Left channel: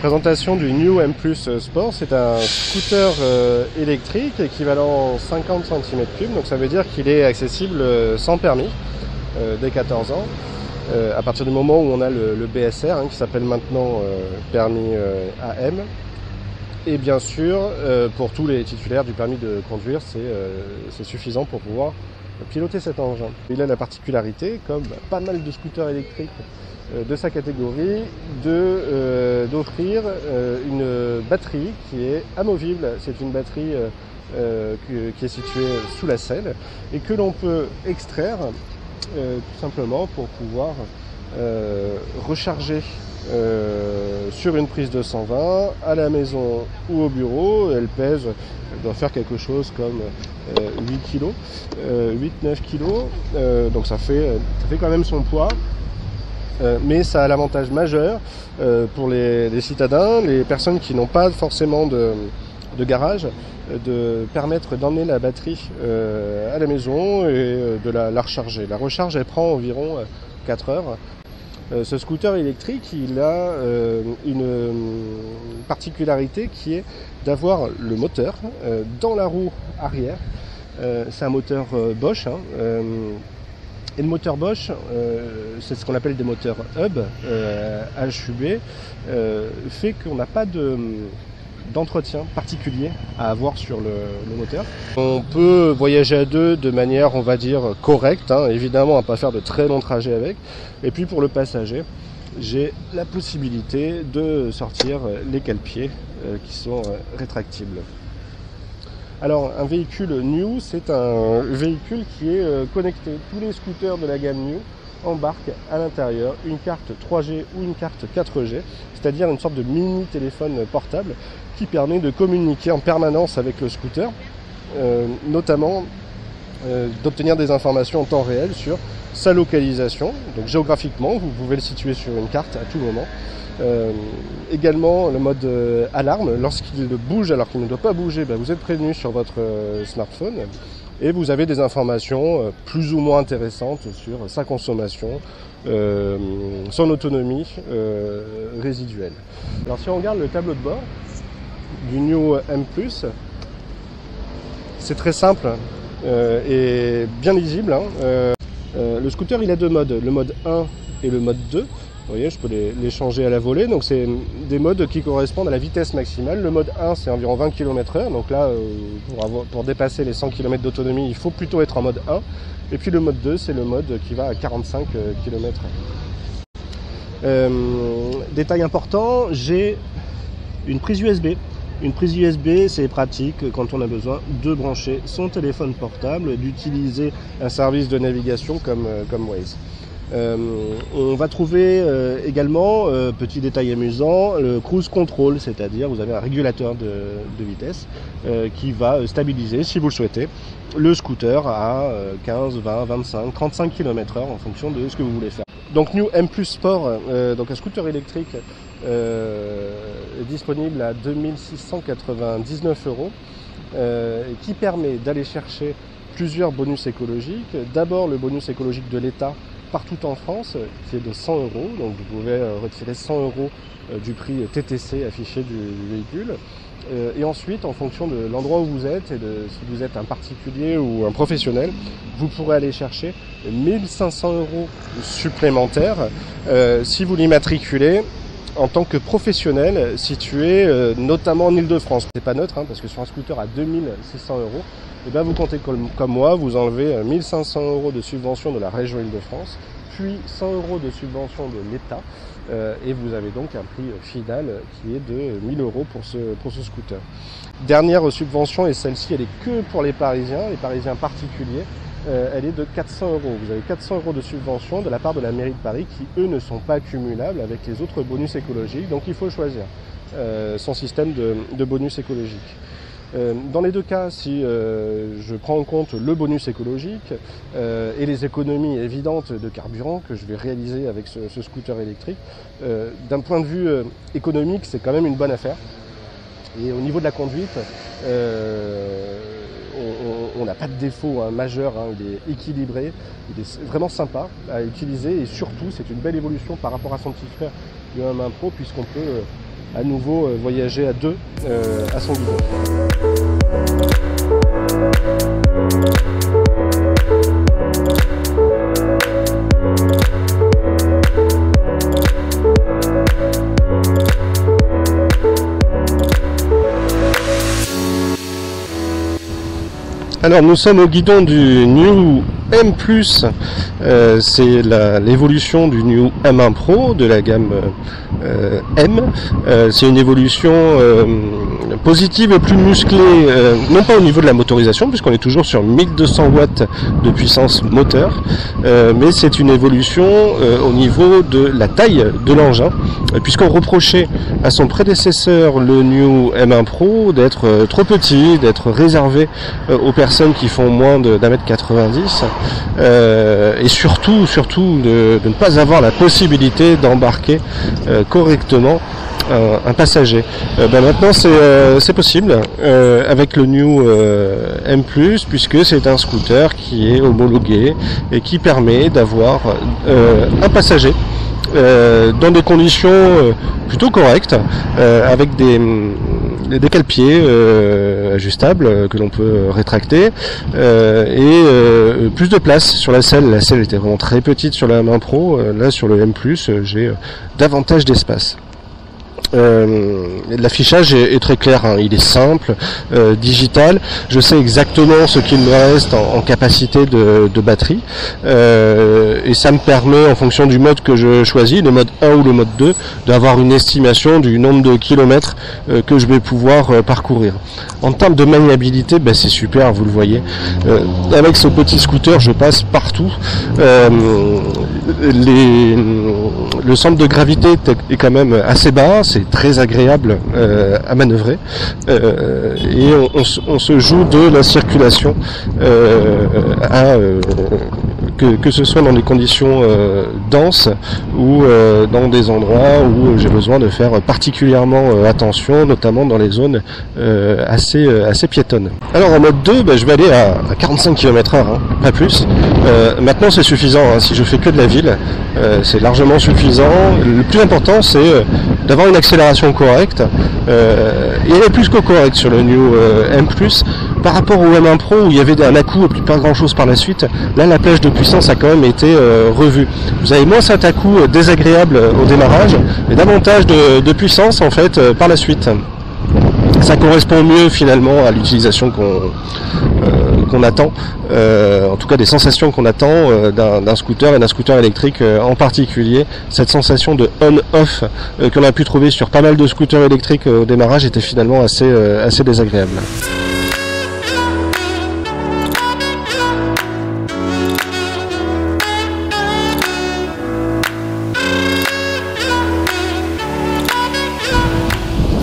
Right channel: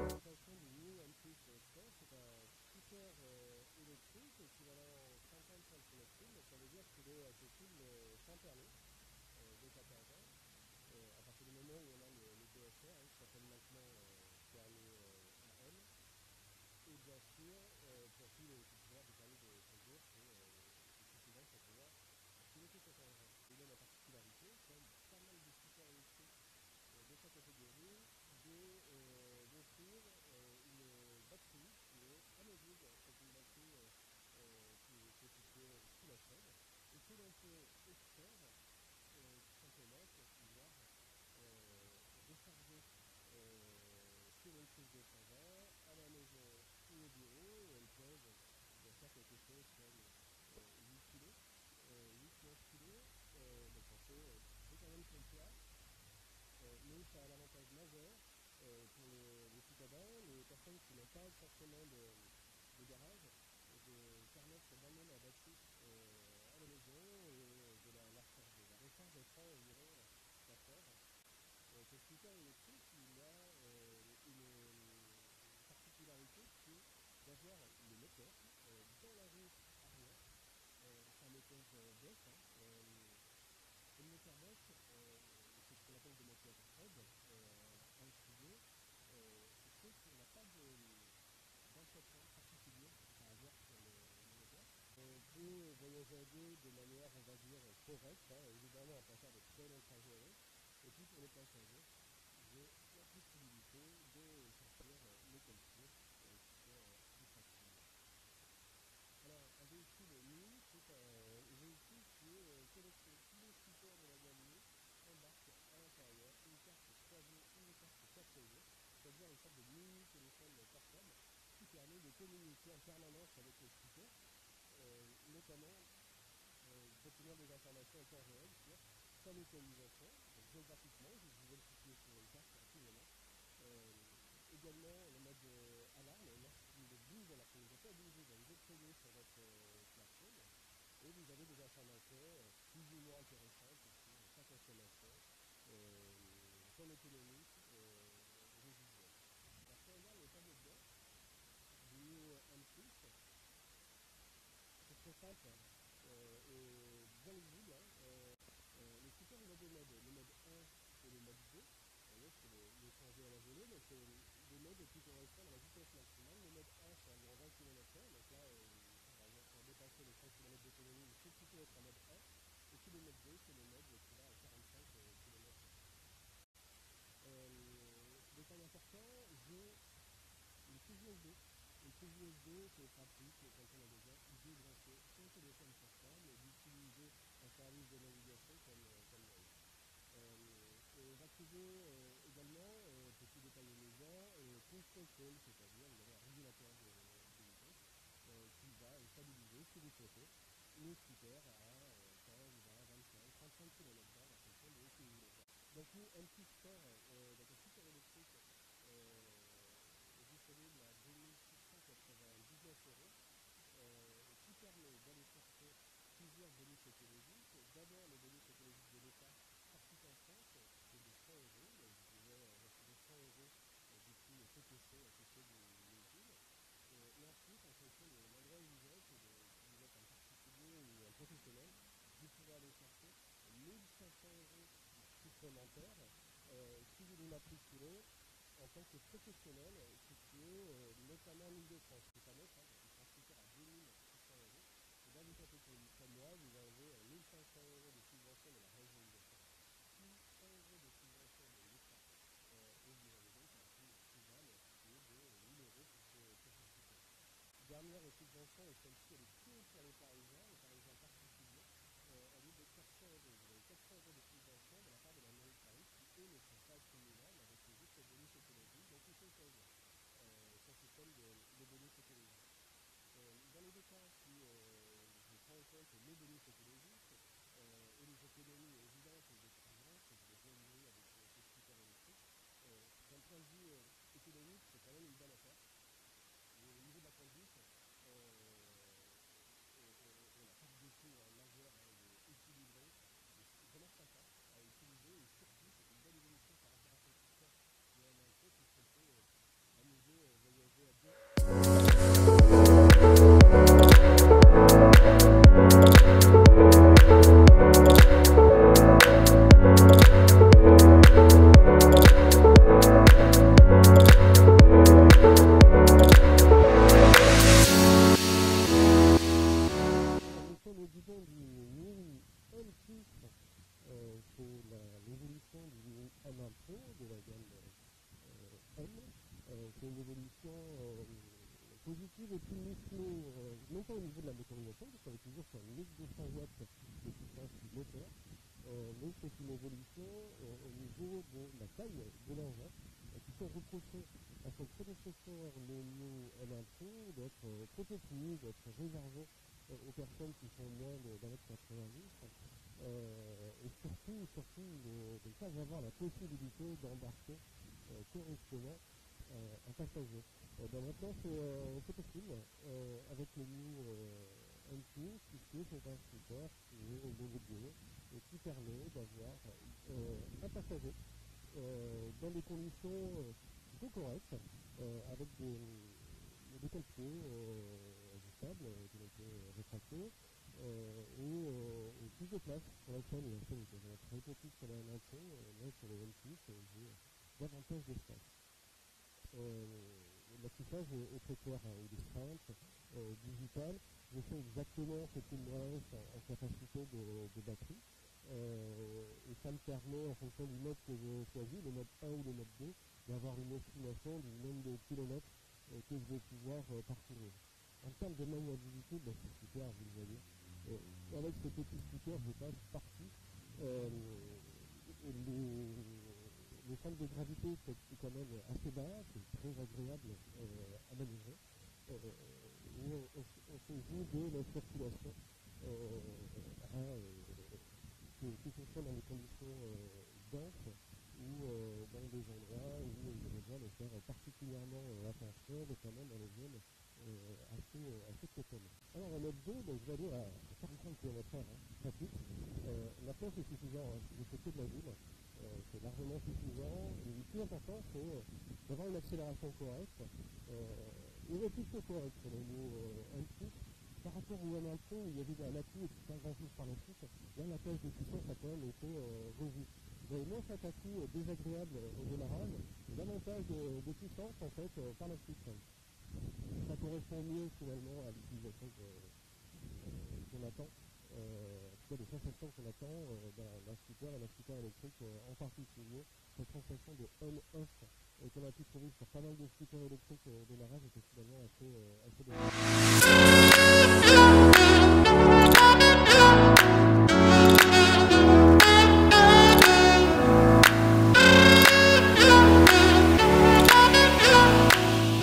Présentation du New M+ Sport, c'est un scooter électrique équivalent 50 cm3, donc ça veut dire qu'il est accessible sans permis dès 14 ans, à partir du moment où on a le BSR qui s'appelle maintenant permis AM. Et bien sûr, pour tous les titulaires du permis de conduire, c'est suffisant pour pouvoir piloter cet engin. Il a la particularité, comme pas mal de scooters électriques de sa catégorie, d'offrir une batterie qui est amovible. C'est une batterie qui est située sous la selle et que l'on peut extraire tout simplement pour pouvoir recharger sur une prise de 120 à la maison ou au bureau. Elle doit faire quelque chose comme 8 kg, 8-9 kg, donc ça fait quand même son poids. Mais ça a l'avantage majeur pour les citadins, les personnes qui n'ont pas forcément de garage, de permettre d'emmener la batterie à la maison et de la recharger. La recharge, elle prend environ 4 heures. Ce scooter électrique, il a une particularité qui est d'avoir le moteur dans la roue arrière. C'est un moteur Bosch. Et le moteur Bosch, c'est ce qu'on appelle des moteurs hub, HUB, fait qu'on n'a pas d'entretien particulier à avoir sur le moteur. On peut voyager à deux de manière, on va dire, correcte, évidemment, à ne pas faire de très longs trajets avec. Et puis pour le passager, j'ai la possibilité de sortir les cale-pieds qui sont rétractibles. Alors, un véhicule New, c'est un véhicule qui est connecté. Tous les scooters de la gamme New embarquent à l'intérieur une carte 3G ou une carte 4G, c'est-à-dire une sorte de mini téléphone portable qui permet de communiquer en permanence avec le scooter, notamment d'obtenir des informations en temps réel sur sa localisation. Donc géographiquement, vous pouvez le situer sur une carte à tout moment. Également le mode alarme, lorsqu'il bouge alors qu'il ne doit pas bouger, vous êtes prévenu sur votre smartphone et vous avez des informations plus ou moins intéressantes sur sa consommation, son autonomie résiduelle. Alors si on regarde le tableau de bord du New M+, c'est très simple et bien lisible. Le scooter, il a deux modes, le mode 1 et le mode 2. Vous voyez, je peux les changer à la volée. Donc c'est des modes qui correspondent à la vitesse maximale. Le mode 1, c'est environ 20 km/h. Donc là, pour dépasser les 100 km d'autonomie, il faut plutôt être en mode 1. Et puis le mode 2, c'est le mode qui va à 45 km/h. Détail important, j'ai une prise USB. Une prise USB, c'est pratique quand on a besoin de brancher son téléphone portable, d'utiliser un service de navigation comme Waze. On va trouver également, petit détail amusant, le cruise control, c'est-à-dire vous avez un régulateur de vitesse qui va stabiliser, si vous le souhaitez, le scooter à 15, 20, 25, 35 km/h en fonction de ce que vous voulez faire. Donc New M+ Sport, donc un scooter électrique est disponible à 2699 €, qui permet d'aller chercher plusieurs bonus écologiques. D'abord le bonus écologique de l'État partout en France, qui est de 100 €, donc vous pouvez retirer 100 € du prix TTC affiché du véhicule. Et ensuite, en fonction de l'endroit où vous êtes et de si vous êtes un particulier ou un professionnel, vous pourrez aller chercher 1500 € supplémentaires si vous l'immatriculez en tant que professionnel situé notamment en Ile-de-France. C'est pas neutre, parce que sur un scooter à 2600 €, et bien vous comptez comme moi, vous enlevez 1500 € de subvention de la région Ile-de-France, puis 100 € de subvention de l'État, et vous avez donc un prix final qui est de 1000 € pour ce scooter. Dernière subvention, et celle-ci elle est que pour les Parisiens particuliers, elle est de 400 €. Vous avez 400 € de subvention de la part de la mairie de Paris qui, eux, ne sont pas cumulables avec les autres bonus écologiques. Donc il faut choisir son système de bonus écologique. Dans les deux cas, si je prends en compte le bonus écologique et les économies évidentes de carburant que je vais réaliser avec ce scooter électrique, d'un point de vue économique, c'est quand même une bonne affaire. Et au niveau de la conduite, on n'a pas de défaut majeur, il est équilibré, il est vraiment sympa à utiliser et surtout c'est une belle évolution par rapport à son petit frère le M1 Pro puisqu'on peut à nouveau voyager à deux à son niveau. Alors nous sommes au guidon du New M+, c'est l'évolution du New M1 Pro de la gamme M. C'est une évolution positive et plus musclée, non pas au niveau de la motorisation, puisqu'on est toujours sur 1200 watts de puissance moteur, mais c'est une évolution au niveau de la taille de l'engin, puisqu'on reprochait à son prédécesseur, le New M1 Pro, d'être trop petit, d'être réservé aux personnes qui font moins d'1m90, et surtout de ne pas avoir la possibilité d'embarquer correctement un passager. Maintenant c'est possible avec le New M+, puisque c'est un scooter qui est homologué et qui permet d'avoir un passager dans des conditions plutôt correctes, avec des cale-pieds ajustables que l'on peut rétracter et plus de place sur la selle. La selle était vraiment très petite sur la M1 Pro, là sur le M+, j'ai davantage d'espace. L'affichage est très clair, il est simple, digital. Je sais exactement ce qu'il me reste en capacité de batterie, et ça me permet, en fonction du mode que je choisis, le mode 1 ou le mode 2, d'avoir une estimation du nombre de kilomètres que je vais pouvoir parcourir. En termes de maniabilité, c'est super, vous le voyez. Avec ce petit scooter, je passe partout. Le centre de gravité est quand même assez bas, c'est très agréable à manœuvrer, et on se joue de la circulation, que ce soit dans des conditions denses ou dans des endroits où j'ai besoin de faire particulièrement attention, notamment dans les zones assez piétonnes. Alors en mode 2, je vais aller à 45 km/h, pas plus. Maintenant c'est suffisant, si je fais que de la ville, c'est largement suffisant. Le plus important c'est d'avoir une accélération correcte, et elle est plus que correcte sur le New M+. Par rapport au M1 Pro où il y avait un à-coup et puis pas grand chose par la suite, là la plage de puissance a quand même été revue. Vous avez moins cet à-coup désagréable au démarrage, mais davantage de puissance en fait par la suite. Ça correspond mieux finalement à l'utilisation qu'on attend, en tout cas des sensations qu'on attend d'un scooter et d'un scooter électrique en particulier. Cette sensation de on-off qu'on a pu trouver sur pas mal de scooters électriques au démarrage était finalement assez désagréable.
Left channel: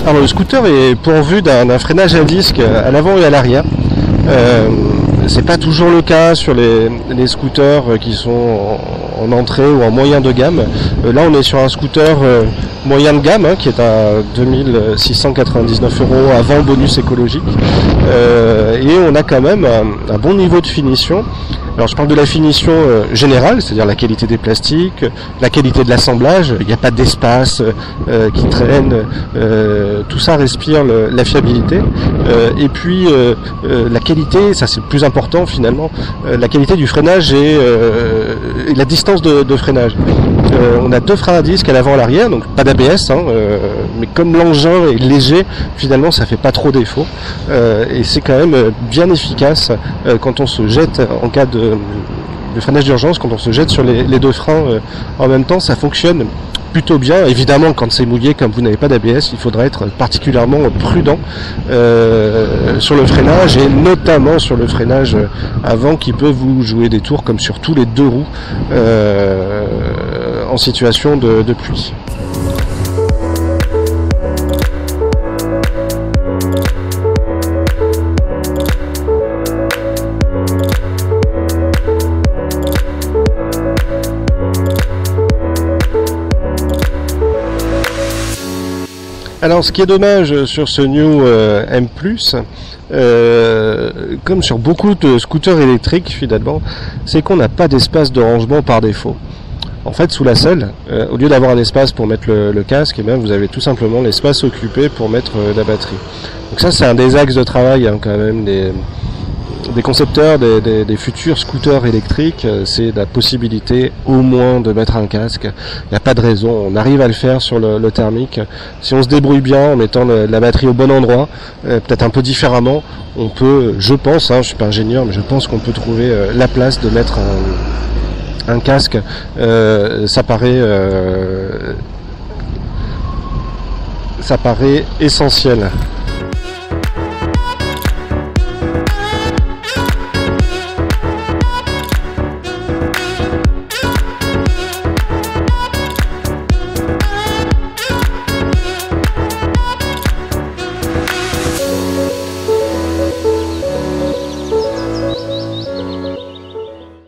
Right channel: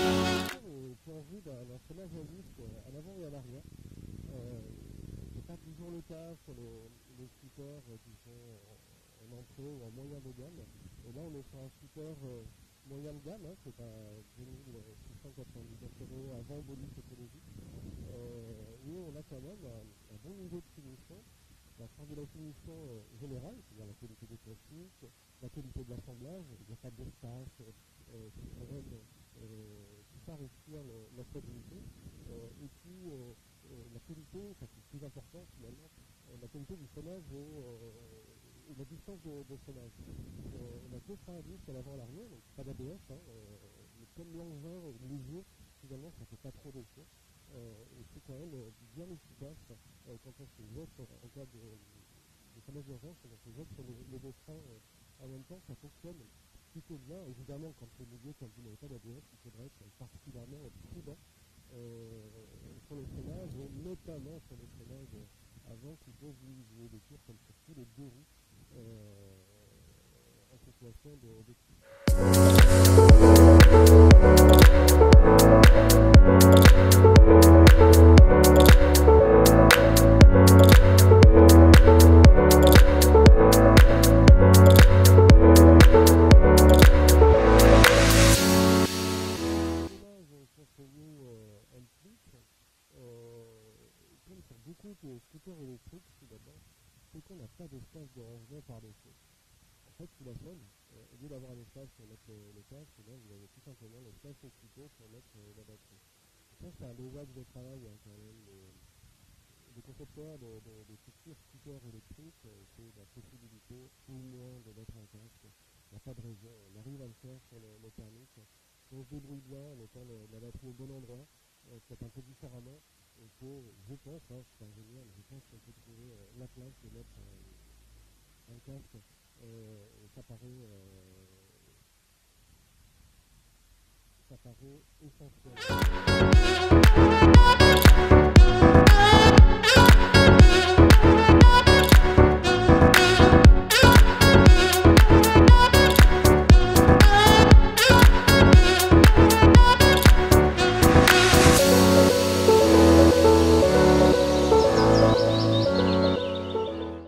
Alors le scooter est pourvu d'un freinage à disque à l'avant et à l'arrière. C'est pas toujours le cas sur les scooters qui sont en entrée ou en moyen de gamme. Là on est sur un scooter moyen de gamme qui est à 2699 € avant bonus écologique, et on a quand même un bon niveau de finition. Alors je parle de la finition générale, c'est-à-dire la qualité des plastiques, la qualité de l'assemblage, il n'y a pas d'espace qui traîne, tout ça respire la fiabilité, et puis la qualité, ça c'est le plus important finalement, la qualité du freinage et la distance de freinage. On a deux freins à disque à l'avant et à l'arrière, donc pas d'ABS, mais comme l'engin est léger, finalement ça fait pas trop défaut, et c'est quand même bien efficace quand on se jette en cas de freinage d'urgence, quand on se jette sur les deux freins en même temps, ça fonctionne plutôt bien. Évidemment, quand c'est mouillé, comme vous n'avez pas d'ABS, il faudra être particulièrement prudent sur le freinage, et notamment sur le freinage avant qui peut vous jouer des tours, comme sur tous les deux roues en situation de pluie. Alors ce qui est dommage sur ce New M+, comme sur beaucoup de scooters électriques finalement, c'est qu'on n'a pas d'espace de rangement par défaut. En fait, sous la selle, au lieu d'avoir un espace pour mettre le casque, eh bien, vous avez tout simplement l'espace occupé pour mettre la batterie. Donc ça, c'est un des axes de travail quand même des concepteurs des futurs scooters électriques, c'est la possibilité au moins de mettre un casque. Il n'y a pas de raison, on arrive à le faire sur le thermique. Si on se débrouille bien en mettant la batterie au bon endroit, peut-être un peu différemment, on peut, je pense, je suis pas ingénieur, mais je pense qu'on peut trouver la place de mettre un casque. Ça paraît essentiel.